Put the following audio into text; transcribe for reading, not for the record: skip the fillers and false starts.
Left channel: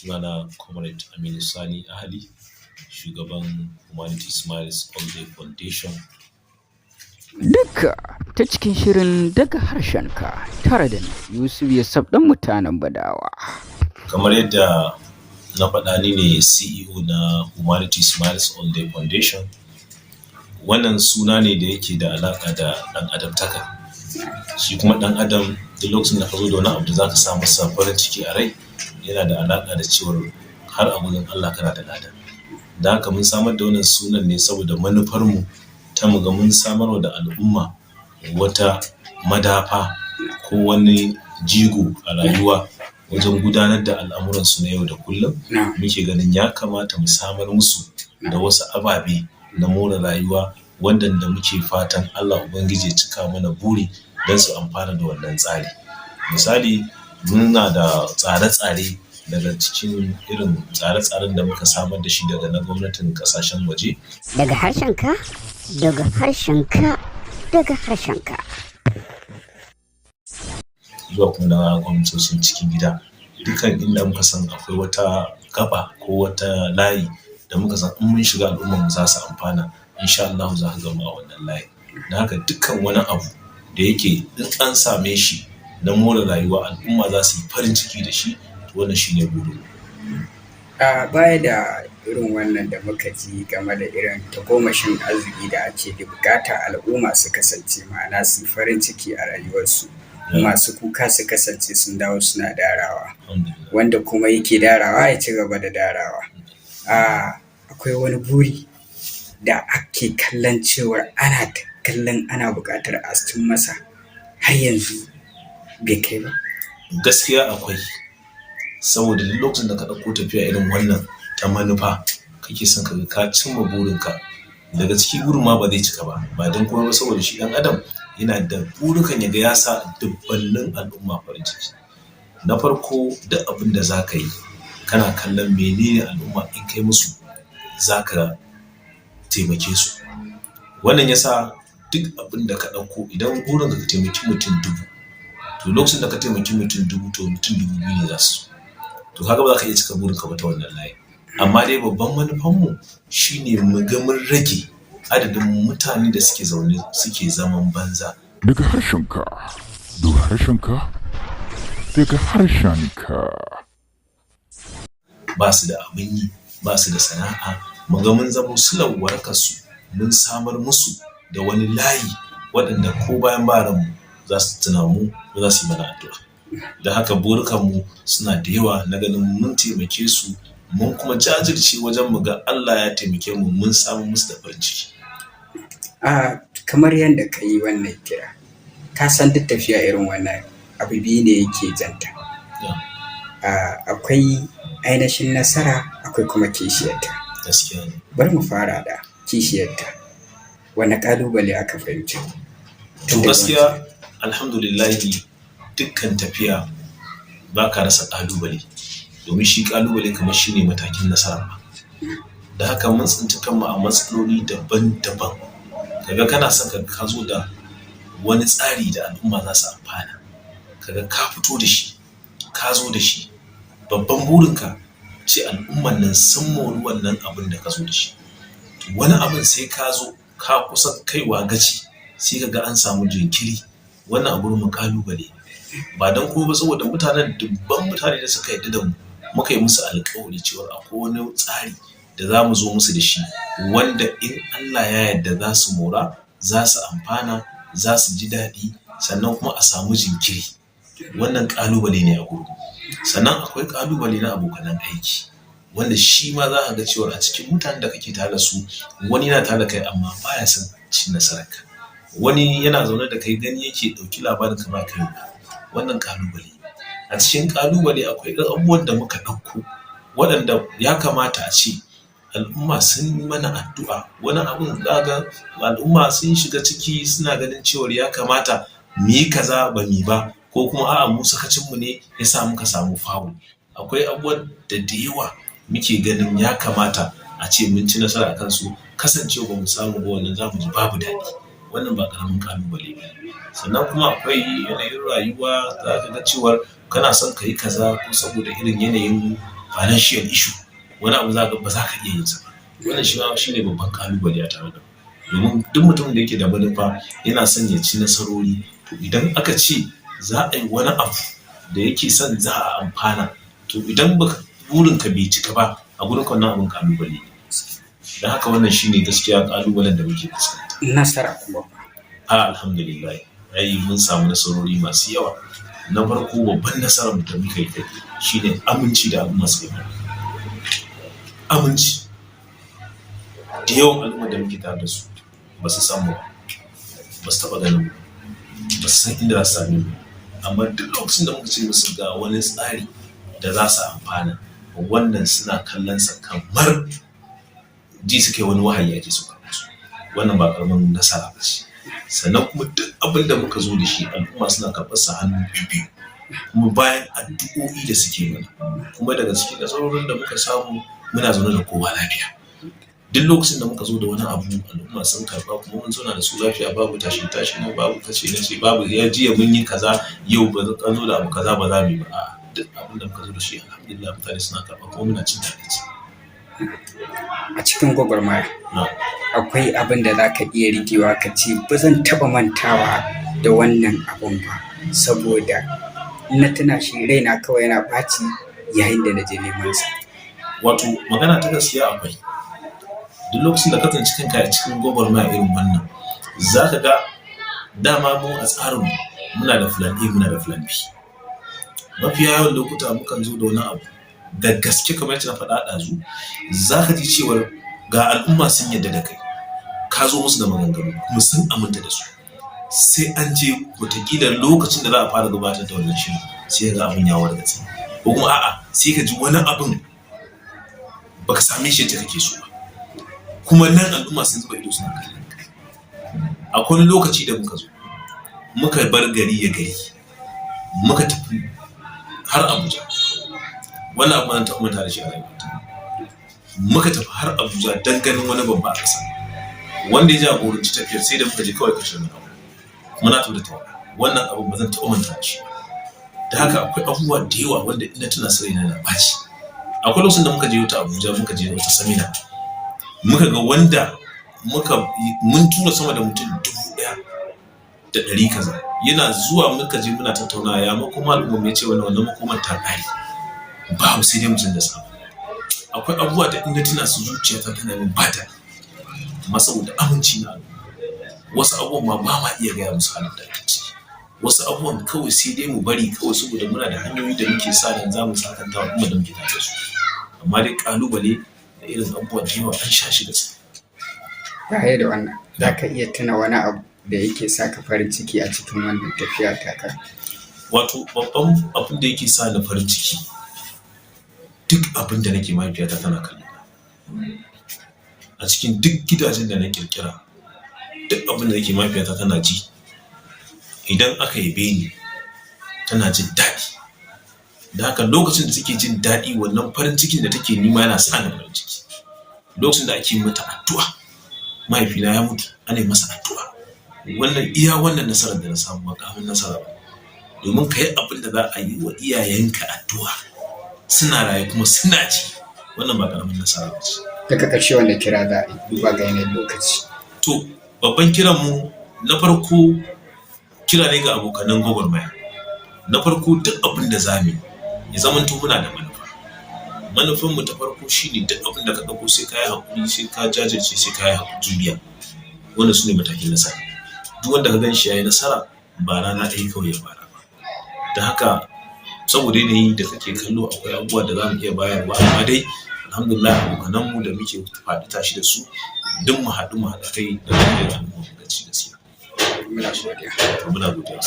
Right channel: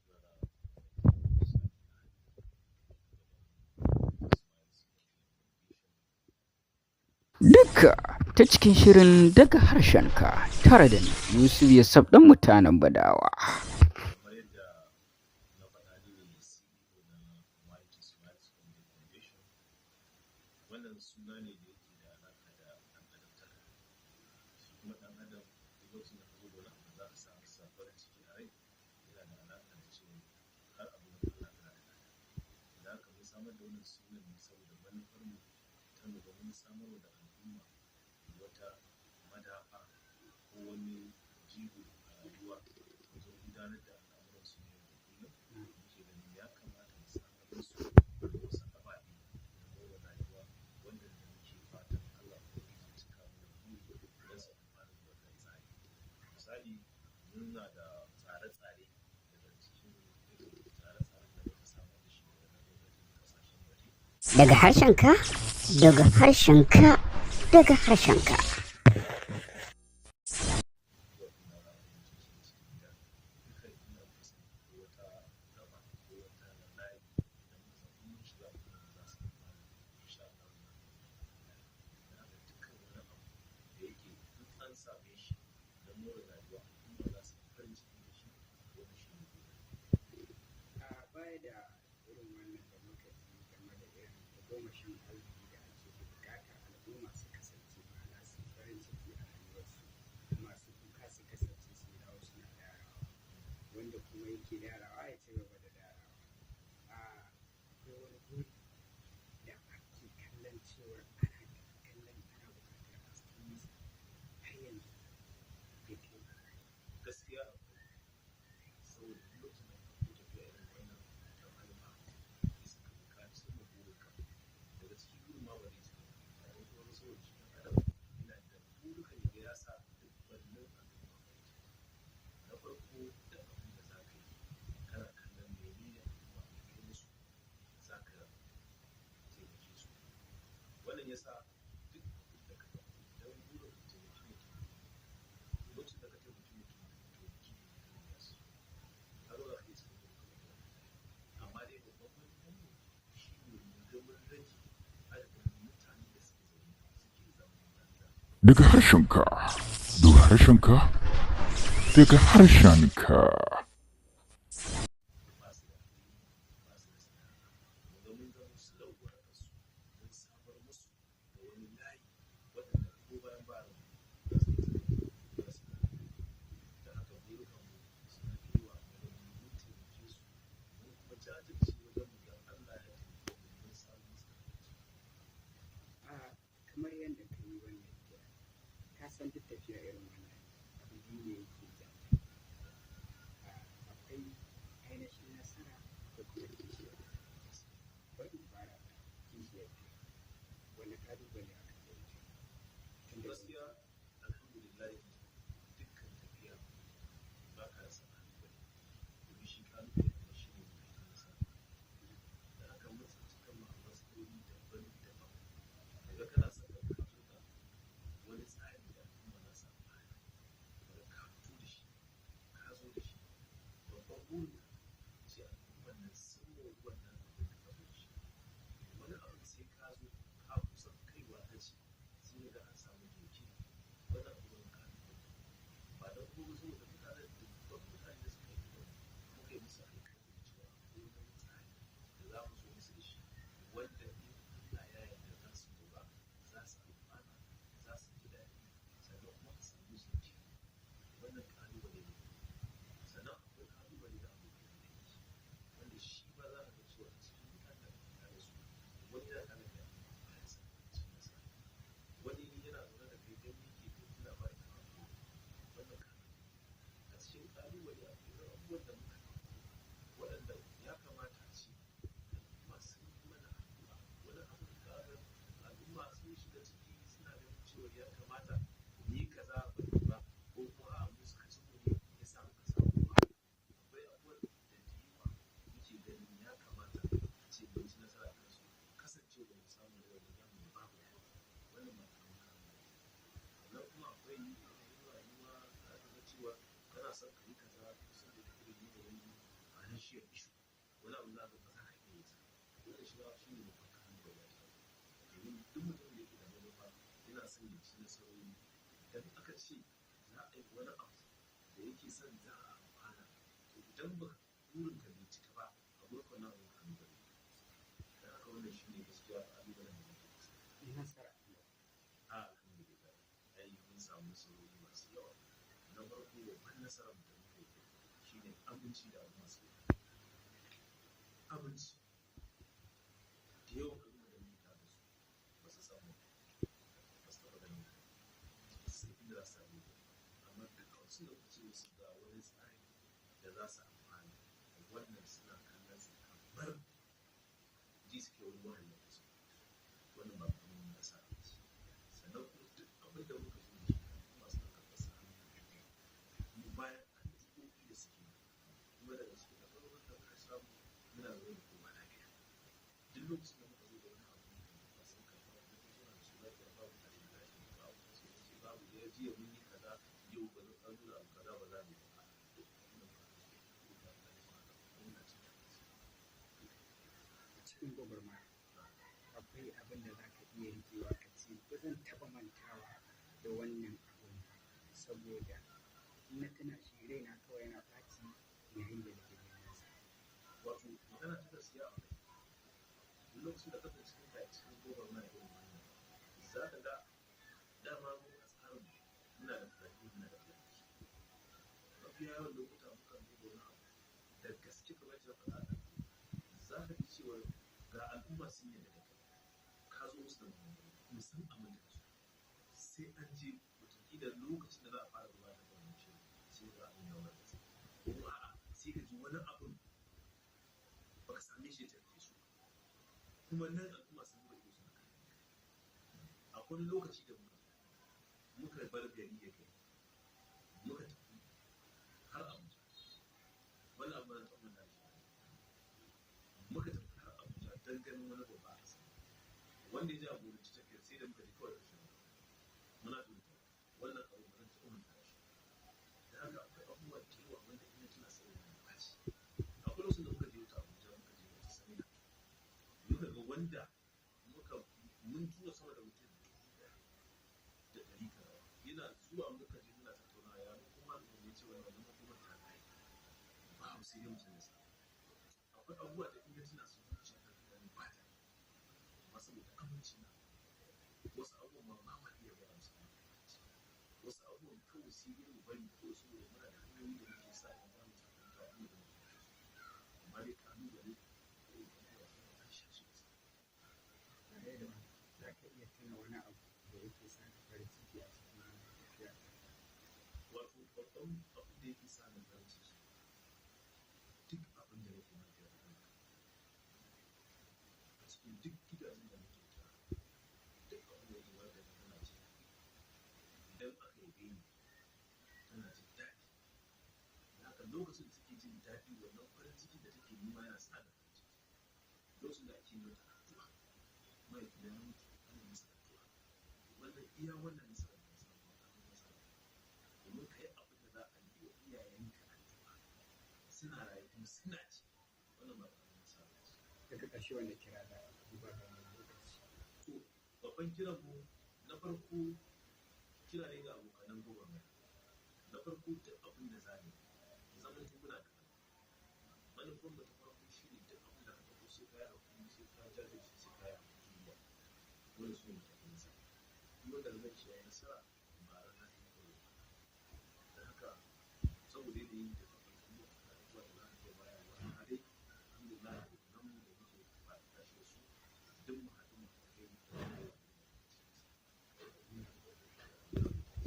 Sunana Comrade Aminu Sani Ahali, shugaban Humanity Smiles All Day Foundation. Duka ta cikin shirin daga harshenka tare da ni Yusuf Yasab ɗan mutanen Badawa. Kamar yadda na faɗa ni ne CEO na Humanity Smiles All Day Foundation. Wannan suna ne da yake da alaƙa da ɗan adamtaka. Shi kuma ɗan adam duk lokacin da ka zo da wani abu da za ka sa masa farin ciki a rai yana da alaƙa da cewar har a gurin Allah kana da lada. Da haka mun samar da wannan sunan ne saboda manufarmu ta mu ga mun samarwa da al'umma wata madafa ko wani jigo a rayuwa wajen gudanar da al'amuransu na yau da kullum. Muke ganin ya kamata mu samar musu da wasu ababe na more rayuwa wanda muke fatan Allah Ubangiji ya cika mana buri don su amfana da wannan tsari. Misali, muna da tsare-tsare daga cikin irin tsare-tsaren da muka samar da shi daga na gwamnatin kasashen waje. Daga harshenka, daga harshenka, daga harshenka. Zuwa kuma na gwamnatocin cikin gida. Dukan inda muka san akwai wata gaba ko wata layi da muka san in mun shiga al'ummar mu za su amfana, insha Allah za ka gama a wannan layi. Da haka dukkan wani abu da yake in an same shi na more rayuwa al'umma za su yi farin ciki da shi, to wannan shine burin. A baya da irin wannan da muka ji game da irin tagomashin arziki da ake da bukata al'umma su kasance ma'ana su farin ciki a rayuwarsu. Masu kuka su kasance sun dawo suna darawa, wanda kuma yake darawa ya ci gaba da darawa. Akwai wani buri da ake kallon cewar ana buƙatar a cin masa har yanzu bai kai ba. Gaskiya akwai, saboda duk lokacin da ka ɗauko tafiya irin wannan ta manufa kake son ka cimma burinka, daga ciki burin ma ba zai cika ba don kuma ba saboda shi ɗan adam yana da burukan ya ga ya sa dubbannin al'umma farin ciki. Na farko duk abin da za ka yi kana kallon menene al'umma in kai musu za ka taimake su. Wannan ya sa duk abin da ka ɗauko idan burinka ka taimaki mutum 1000, to lokacin da ka taimaki mutum 1000 to mutum 2000 ne za su. To kaga ba za ka iya cika burinka ba ta wannan layi. Amma dai babban manufanmu shine mu ga mun rage adadin mutane da suke zaune suke zaman banza. Daga harshenka, daga harshenka, daga harshenka. Ba su da abin yi, ba su da sana'a, mu ga mun zamo silar warakarsu, mun samar musu da wani layi waɗanda ko bayan baranmu za su tuna mu ko za su yi mana addu'a. Da haka burukanmu suna da yawa na ganin mun taimake su, mun kuma jajirce wajen mu ga Allah ya taimake mu mun samu musu da farin ciki. Kamar yadda ka yi wannan kira, ka san duk tafiya irin wannan abu biyu ne yake janta. Akwai ainihin nasara, akwai kuma kishiyarta. Gaskiya ne. Bari mu fara da kishiyarta. Wani ƙalubale aka fahimci? To gaskiya alhamdulillahi dukkan tafiya ba ka rasa ƙalubale, domin shi ƙalubale kamar shi ne matakin nasara. Da haka mun tsinci kanmu a matsaloli daban-daban. Kaga kana son ka zo da wani tsari da al'umma za su amfana, kaga ka fito da shi, ka zo da shi, babban burinka ce al'umman nan sun mori wannan abin da ka zo da shi. Wani abin sai ka zo ka kusa kaiwa gaci sai kaga an samu jinkiri. Wannan abu mu ƙalubale ba don kuma ba saboda dubban mutane da suka yarda da mu muka yi musu alƙawari cewa akwai wani tsari da za mu zo musu da shi wanda in Allah ya yarda za su mora, za su amfana, za su ji daɗi, sannan kuma a samu jinkiri. Wannan ƙalubale ne a gurin. Sannan akwai ƙalubale na abokanan aiki wanda shi ma za ka ga cewa a cikin mutanen da kake tare da su wani yana tare da kai amma baya son cin nasararka. Wani yana zaune da kai gani yake ɗauki labarin ka ba kai. Wannan ƙalubale. A cikin ƙalubale akwai abubuwan da muka ɗauko waɗanda ya kamata a ce al'umma sun yi mana addu'a. Wani abun za ga al'umma sun shiga ciki suna ganin cewar ya kamata mu yi kaza ba mu yi ba, ko kuma a'a mu sakacinmu ne ya sa muka samu fawo. Akwai abubuwan da yawa muke ganin ya kamata a ce mun ci nasara a kansu, kasancewa ba mu samu ba wannan za mu ji babu daɗi. Wannan ba ƙaramin ƙalubale ba ne. Sannan kuma akwai yanayin rayuwa za ka ga cewar kana son ka yi kaza ko saboda irin yanayin financial issue wani abu za ka ba za ka iya yin sa ba. Wannan shi ne babban kalubale a tare da mu. Domin duk mutumin da yake da manufa yana son ya ci nasarori, to idan aka ce za a yi wani abu da yake son za a amfana, to idan burinka bai cika ba a gurin wannan abin kalubale ne. Da haka wannan shine gaskiya kalubalen da muke fuskanta. Nasara kuma Alhamdulillah, ai mun samu nasarori masu yawa. Na farko babban nasarar da muka yi shine aminci da al'umma suka yi. Aminci da yawan al'umma da muke tare da su ba su samu ba su taɓa ganin ba su san inda za su same mu, amma duk lokacin da muka ce musu ga wani tsari da za su amfana, wannan suna kallon sa kamar ji suke wani wahayi ake so musu. Wannan ba karamin nasara ba ce. Sannan kuma duk abin da muka zo da shi al'umma suna karɓar sa hannu biyu, kuma bayan addu'o'i da suke mana, kuma daga cikin nasarorin da muka samu muna zaune da kowa lafiya. Duk lokacin da muka zo da wani abu al'umma sun karɓa, kuma mun zauna da su lafiya, babu tashi na babu kace na ce, babu ya jiya mun yi kaza yau ba an zo da abu kaza ba za mu yi ba. A'a, duk abin da muka zo da shi alhamdulillah mutane suna karɓa kuma muna cin daɗi. a cikin gwagwarmaya akwai abin da za ka iya riƙewa ka ce ba zan taɓa mantawa da wannan abun ba, saboda na tuna shi raina kawai yana ɓaci yayin da na je neman sa. Wato magana ta gaskiya akwai. Duk lokacin da ka tsinci kanka a cikin gwagwarmaya irin wannan, za ka ga dama mu a tsarin muna da plan A muna da plan B. Mafiya yawan lokuta mukan zo da wani abu da gaske kamar yadda na faɗa ɗazu, za ka ji cewar ga al'umma sun yarda da kai, ka zo musu da maganganu kuma sun aminta da su. Sai an je wataƙila lokacin da za a fara gabatar da wannan shirin sai ga abin ya wargatse, ko kuma a'a sai ka ji wani abin baka same shi yadda kake so ba, kuma nan al'umma sun zuba ido suna kallon ka. Akwai wani lokaci da muka zo muka bar gari ya gari muka tafi har Abuja, wannan abu na taɓa manta da shi a rayuwata. Muka tafi har Abuja don ganin wani babba a ƙasa wanda ya jagoranci tafiyar, sai da muka je kawai kashe abu muna tafi da wannan abu ba zan taɓa manta da shi. Da haka akwai abubuwa da yawa wanda ina tuna sarai na ɓaci. Akwai lokacin da muka je wata Abuja, muka je wata samina, muka ga wanda mun tura sama da mutum 1,100 kaza, yana zuwa muka je muna tattauna ya makoma al'umma ya ce wannan makomar ta ƙare, ba sai dai mutum da samu. Akwai abubuwa da inda tuna su zuciyata tana min bata, amma saboda aminci na wasu abubuwan ma ba ma iya gaya musu halin da ake ciki. Wasu abubuwan kawai sai dai mu bari kawai saboda muna da hanyoyi da muke sa ran za mu sakanta wa al'umma da muke tare da su. Amma dai kalubale da irin abubuwan da yawa an sha shi da su. Baya da wannan, za ka iya tuna wani abu da yake sa ka farin ciki a cikin wannan tafiya taka? Wato babban abin da yake sa ni farin ciki, duk abin da nake mahaifiyata tana kallo a cikin duk gidajen da na kirkira, duk abin da nake mahaifiyata tana ji. Idan aka yabe ni tana jin daɗi, da haka lokacin da take jin daɗi wannan farin cikin da take nima yana sa ni farin ciki. Lokacin da ake mata addu'a, mahaifina ya mutu ana masa addu'a, wannan nasarar da na samu ba ƙaramin nasara ba, domin ka yi abin da za a yi wa iyayenka addu'a suna raye kuma suna ji, wannan ba ƙaramin nasara ba ce. Daga ƙarshe wanda kira za a yi duba ga yanayin lokaci? To babban kiranmu na farko kira ne ga abokanan gwagwarmaya. Na farko duk abin da za mu yi ya zamanto muna da manufa. Manufanmu ta farko shine duk abin da ka ɗauko sai ka yi haƙuri, sai ka jajirce, sai ka yi juriya. Wannan su ne matakin nasara. Duk wanda ka gan shi ya yi nasara ba rana ɗaya kawai ya fara ba. Da haka saboda yanayi da kake kallo akwai abubuwa da za mu iya bayarwa, amma dai alhamdulillah abokananmu da muke faɗi tashi da su duk mu haɗu kai da al'umma mu gaci gaskiya. Muna godiya. Muna godiya.